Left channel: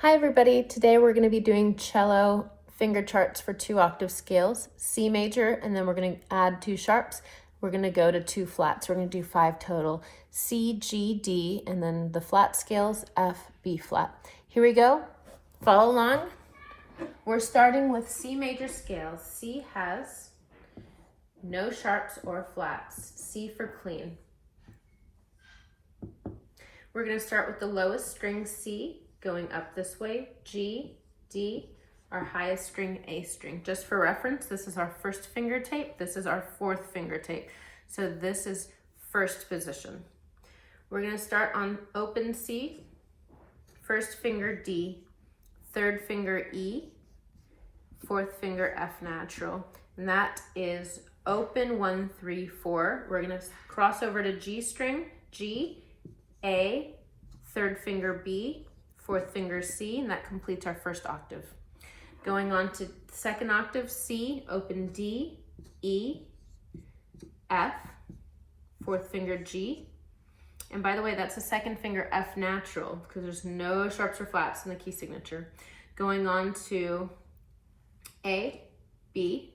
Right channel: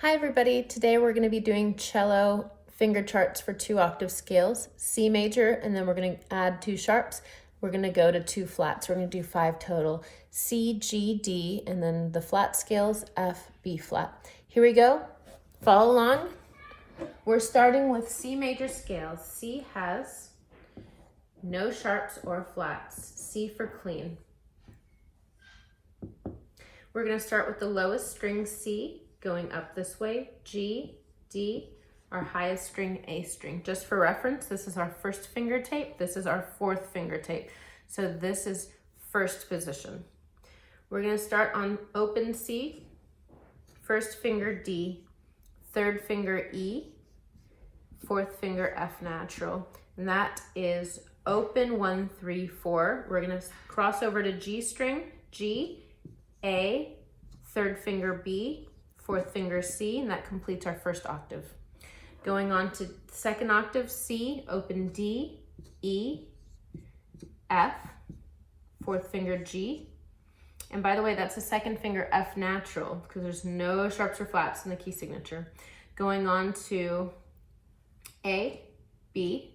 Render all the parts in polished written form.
Hi everybody, today we're going to be doing cello finger charts for 2 octave scales, C major, and then we're going to add 2 sharps. We're going to go to 2 flats. We're going to do 5 total, C, G, D, and then the flat scales, F, B flat. Here we go, follow along. We're starting with C major scales. C has no sharps or flats, C for clean. We're going to start with the lowest string, C, going up this way, G, D, our highest string, A string. Just for reference, this is our first finger tape, this is our fourth finger tape. So this is first position. We're gonna start on open C, first finger D, third finger E, fourth finger F natural. And that is open 1, 3, 4. We're gonna cross over to G string, G, A, third finger B, fourth finger C, and that completes our first octave. Going on to second octave, C, open D, E, F, fourth finger G. And by the way, that's the second finger F natural because there's no sharps or flats in the key signature. Going on to A, B,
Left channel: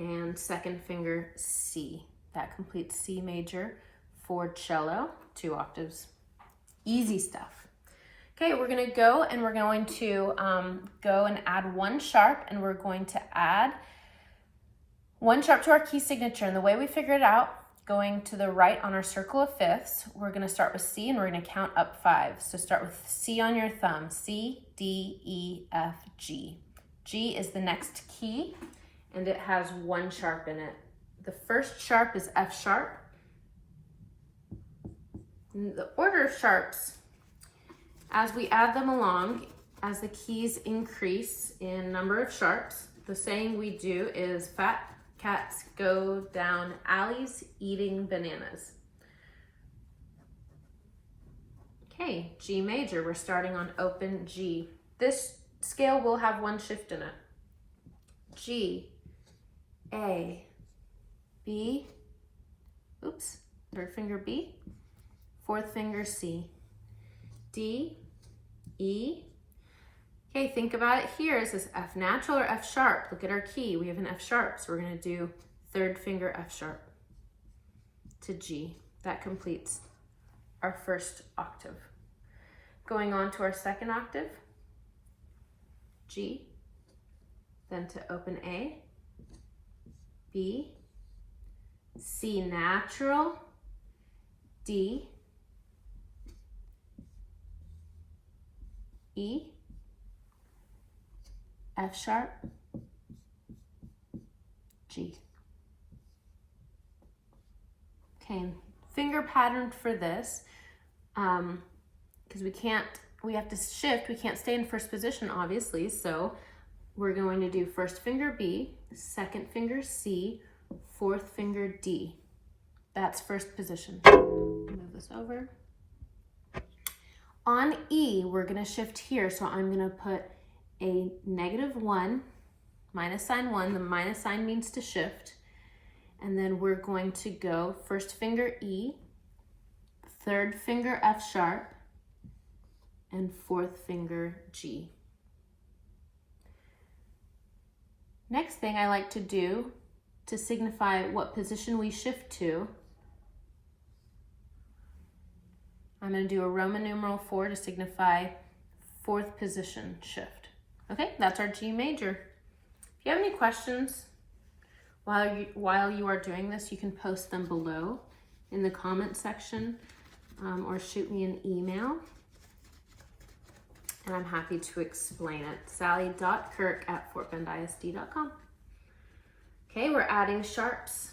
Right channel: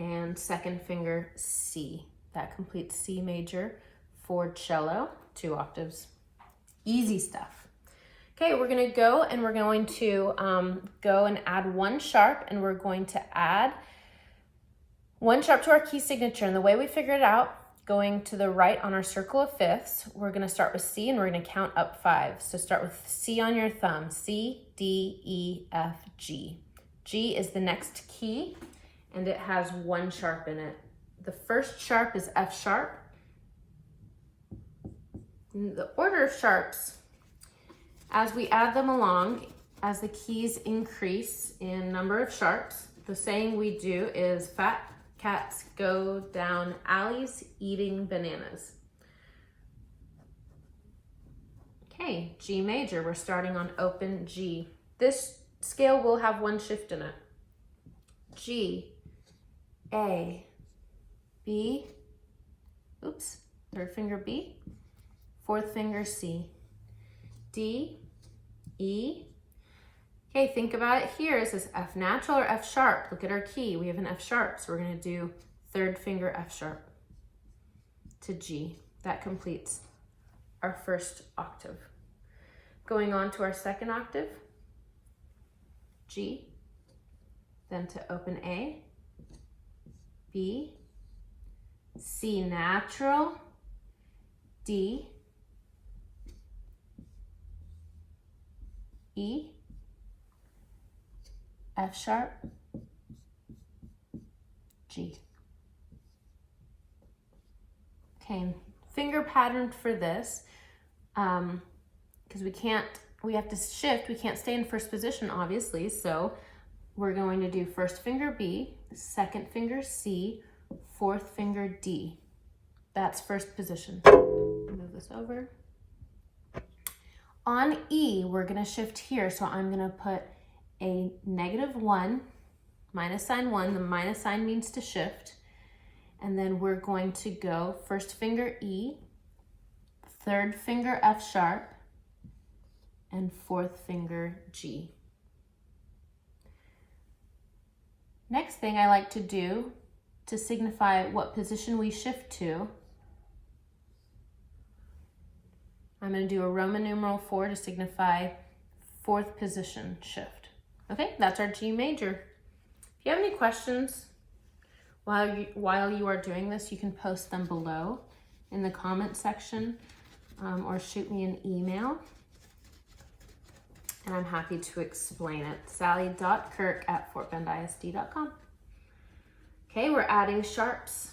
and second finger C. That completes C major for cello, 2 octaves. Easy stuff. Okay, we're gonna go and we're going to go and add 1 sharp, and we're going to add 1 sharp to our key signature. And the way we figure it out, going to the right on our circle of fifths, we're gonna start with C and we're gonna count up 5. So start with C on your thumb, C, D, E, F, G. G is the next key and it has 1 sharp in it. The first sharp is F sharp. The order of sharps, as we add them along, as the keys increase in number of sharps, the saying we do is fat cats go down alleys eating bananas. Okay, G major, we're starting on open G. This scale will have 1 shift in it. G, A, B, oops, third finger B, fourth finger C, D, E. Okay, think about it here. Is this F natural or F sharp? Look at our key. We have an F sharp, so we're going to do third finger F sharp to G. That completes our first octave. Going on to our second octave, G, then to open A, B, C natural, D, E, F sharp, G. Okay, finger pattern for this, because we have to shift, we can't stay in first position obviously, so we're going to do first finger B, second finger C, fourth finger D. That's first position. Move this over. On E, we're gonna shift here, so I'm gonna put a -1, minus sign 1, the minus sign means to shift, and then we're going to go first finger E, third finger F sharp, and fourth finger G. Next thing I like to do to signify what position we shift to, I'm going to do a Roman numeral 4 to signify 4th position shift. Okay, that's our G major. If you have any questions while you are doing this, you can post them below in the comment section or shoot me an email, and I'm happy to explain it. sally.kirk@fortbendisd.com. Okay, we're adding sharps.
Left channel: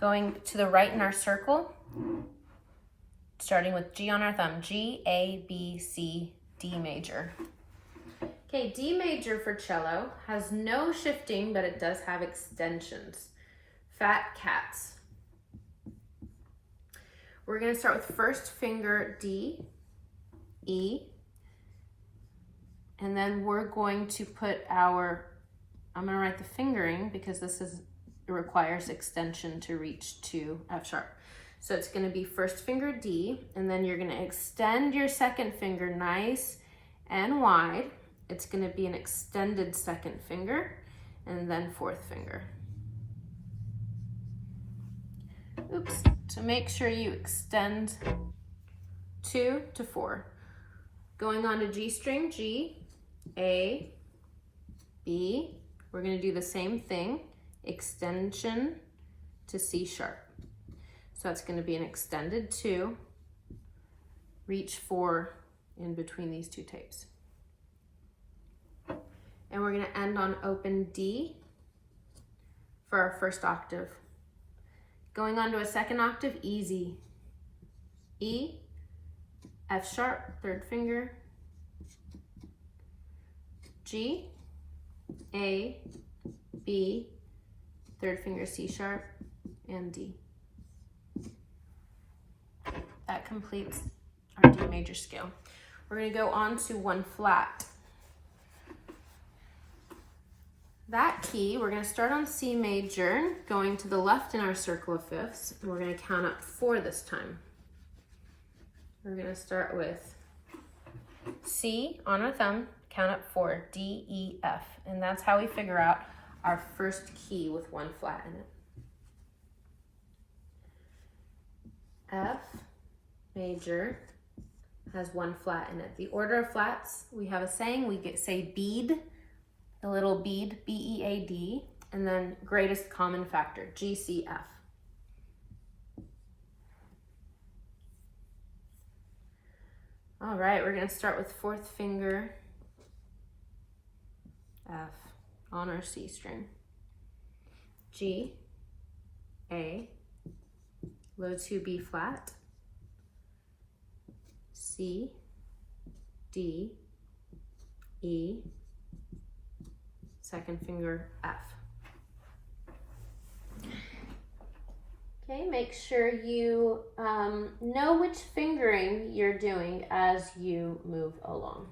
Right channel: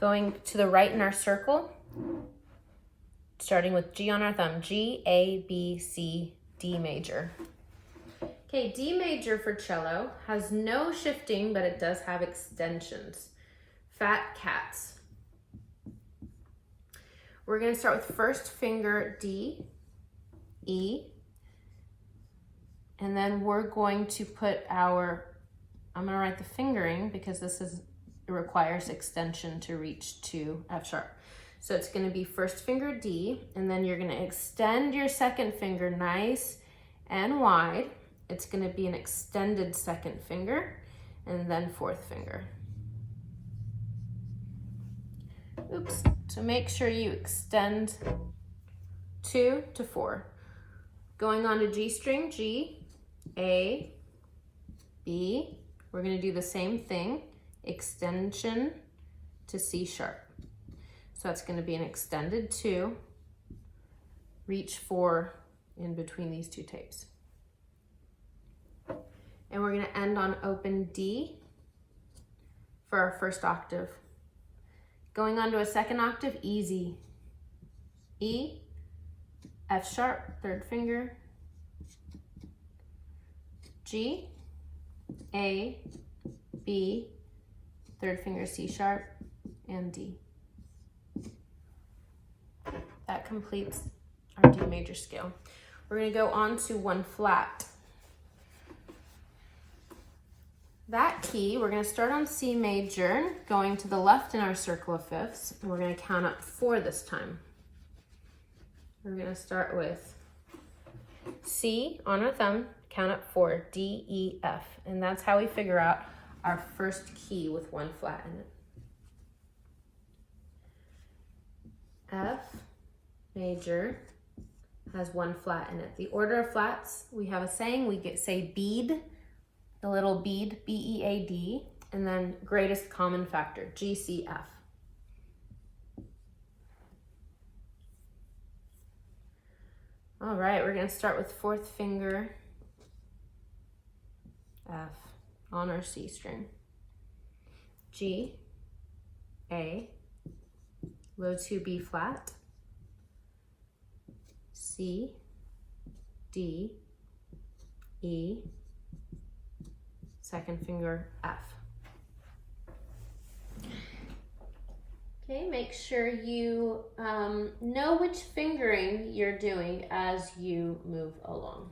Going to the right in our circle, starting with G on our thumb, G, A, B, C, D major. Okay, D major for cello has no shifting, but it does have extensions. Fat cats. We're going to start with first finger D, E, and then we're going to put I'm going to write the fingering because it requires extension to reach to F sharp. So it's gonna be first finger D, and then you're gonna extend your second finger nice and wide. It's gonna be an extended second finger, and then fourth finger. Oops, so make sure you extend 2 to 4. Going on to G string, G, A, B. We're gonna do the same thing, extension to C sharp. So that's gonna be an extended 2, reach 4 in between these two tapes. And we're gonna end on open D for our first octave. Going on to a second octave, easy. E, F sharp, third finger, G, A, B, third finger C sharp, and D. That completes our D major scale. We're going to go on to one flat. That key, we're going to start on C major, going to the left in our circle of fifths, and we're going to count up 4 this time. We're going to start with C on our thumb, count up 4, D, E, F, and that's how we figure out our first key with one flat in it. F major has one flat in it. The order of flats, we have a saying, we say bead, the little bead, B-E-A-D, and then greatest common factor, G, C, F. All right, we're gonna start with fourth finger, F, on our C string. G, A, low 2 B flat, C, D, E, second finger F. Okay, make sure you know which fingering you're doing as you move along.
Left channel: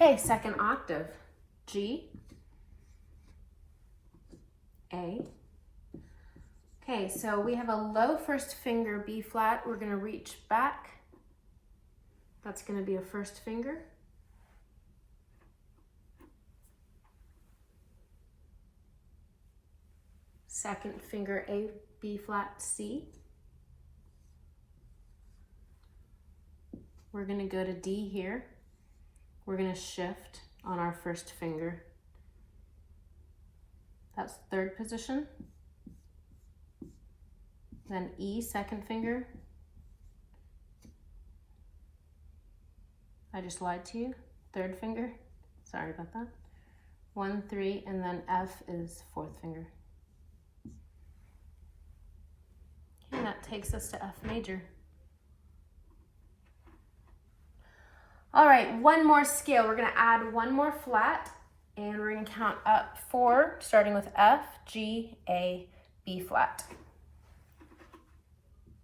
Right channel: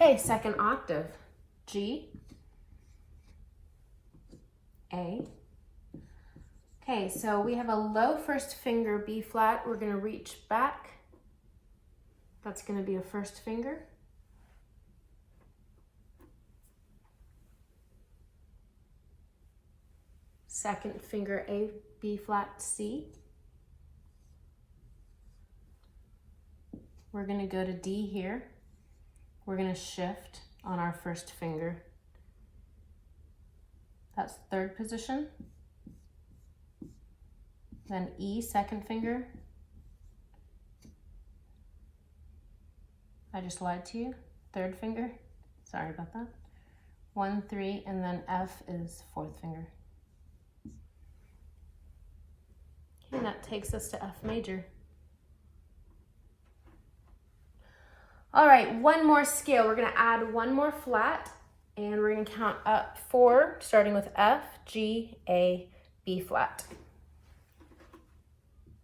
Okay, second octave, G, A. Okay, so we have a low first finger B flat. We're gonna reach back. That's gonna be a first finger. Second finger A, B flat, C. We're gonna go to D here. We're gonna shift on our first finger. That's third position. Then E, second finger. I just lied to you. Third finger. Sorry about that. 1, 3, and then F is fourth finger. And that takes us to F major. All right, one more scale. We're gonna add one more flat, and we're gonna count up 4, starting with F, G, A, B flat.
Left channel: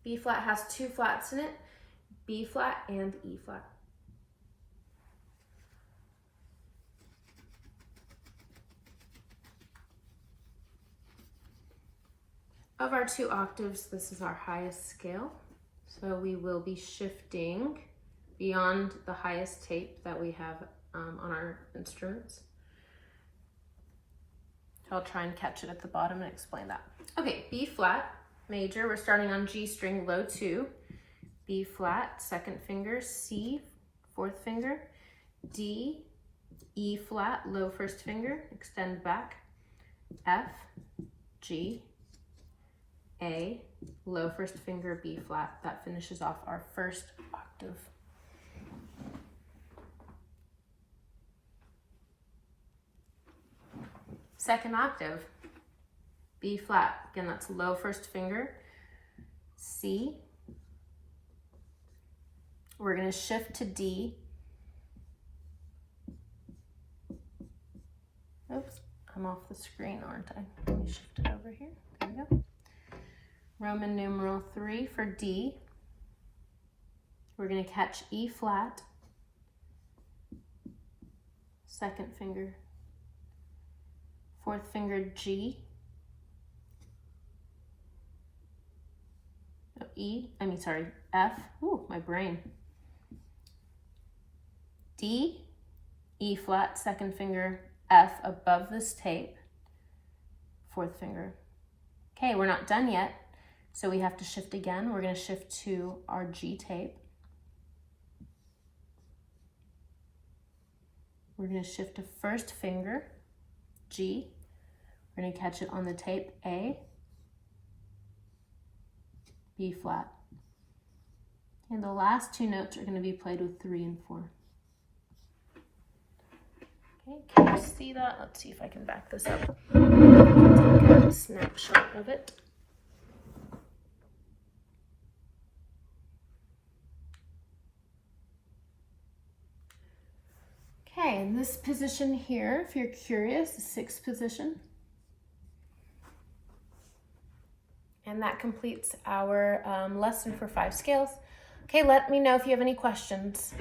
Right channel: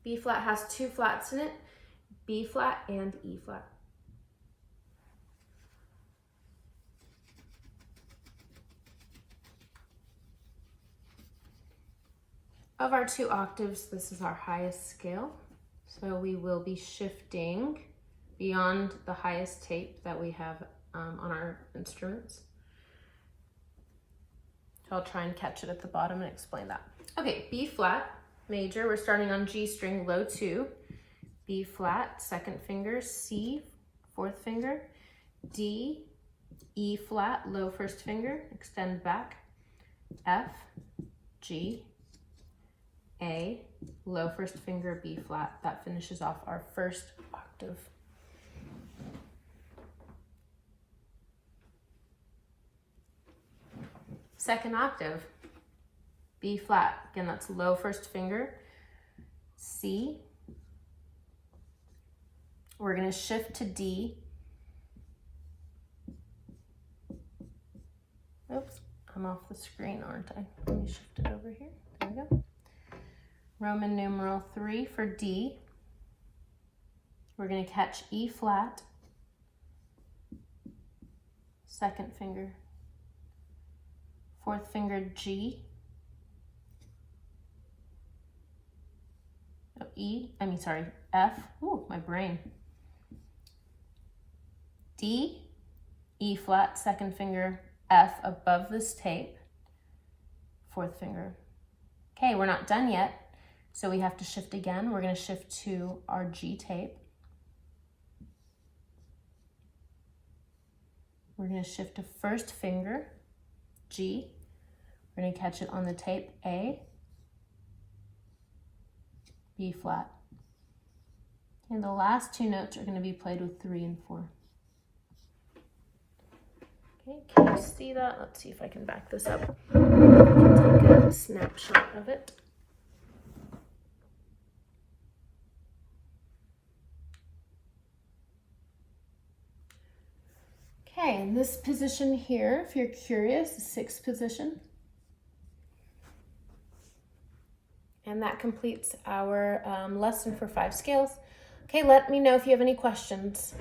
B flat has 2 flats in it, B flat and E flat. Of our 2 octaves, this is our highest scale. So we will be shifting beyond the highest tape that we have on our instruments. So I'll try and catch it at the bottom and explain that. Okay, B flat major, we're starting on G string, low 2, B flat, second finger, C, fourth finger, D, E flat, low first finger, extend back, F, G, A, low first finger, B flat. That finishes off our first octave. Second octave, B flat. Again, that's low first finger, C. We're going to shift to D. Oops, I'm off the screen, aren't I? Let me shift it over here. There we go. Roman numeral 3 for D. We're going to catch E flat, second finger, fourth finger G, F, ooh, my brain, D, E flat, second finger, F above this tape, fourth finger. Okay, we're not done yet, so we have to shift again. We're going to shift to our G tape. We're going to shift to first finger, G. We're going to catch it on the tape, A, B flat. And the last two notes are going to be played with 3 and 4. Okay, can you see that? Let's see if I can back this up. Take a snapshot of it. Okay, in this position here, if you're curious, the 6th position. And that completes our lesson for 5 scales. Okay, let me know if you have any questions.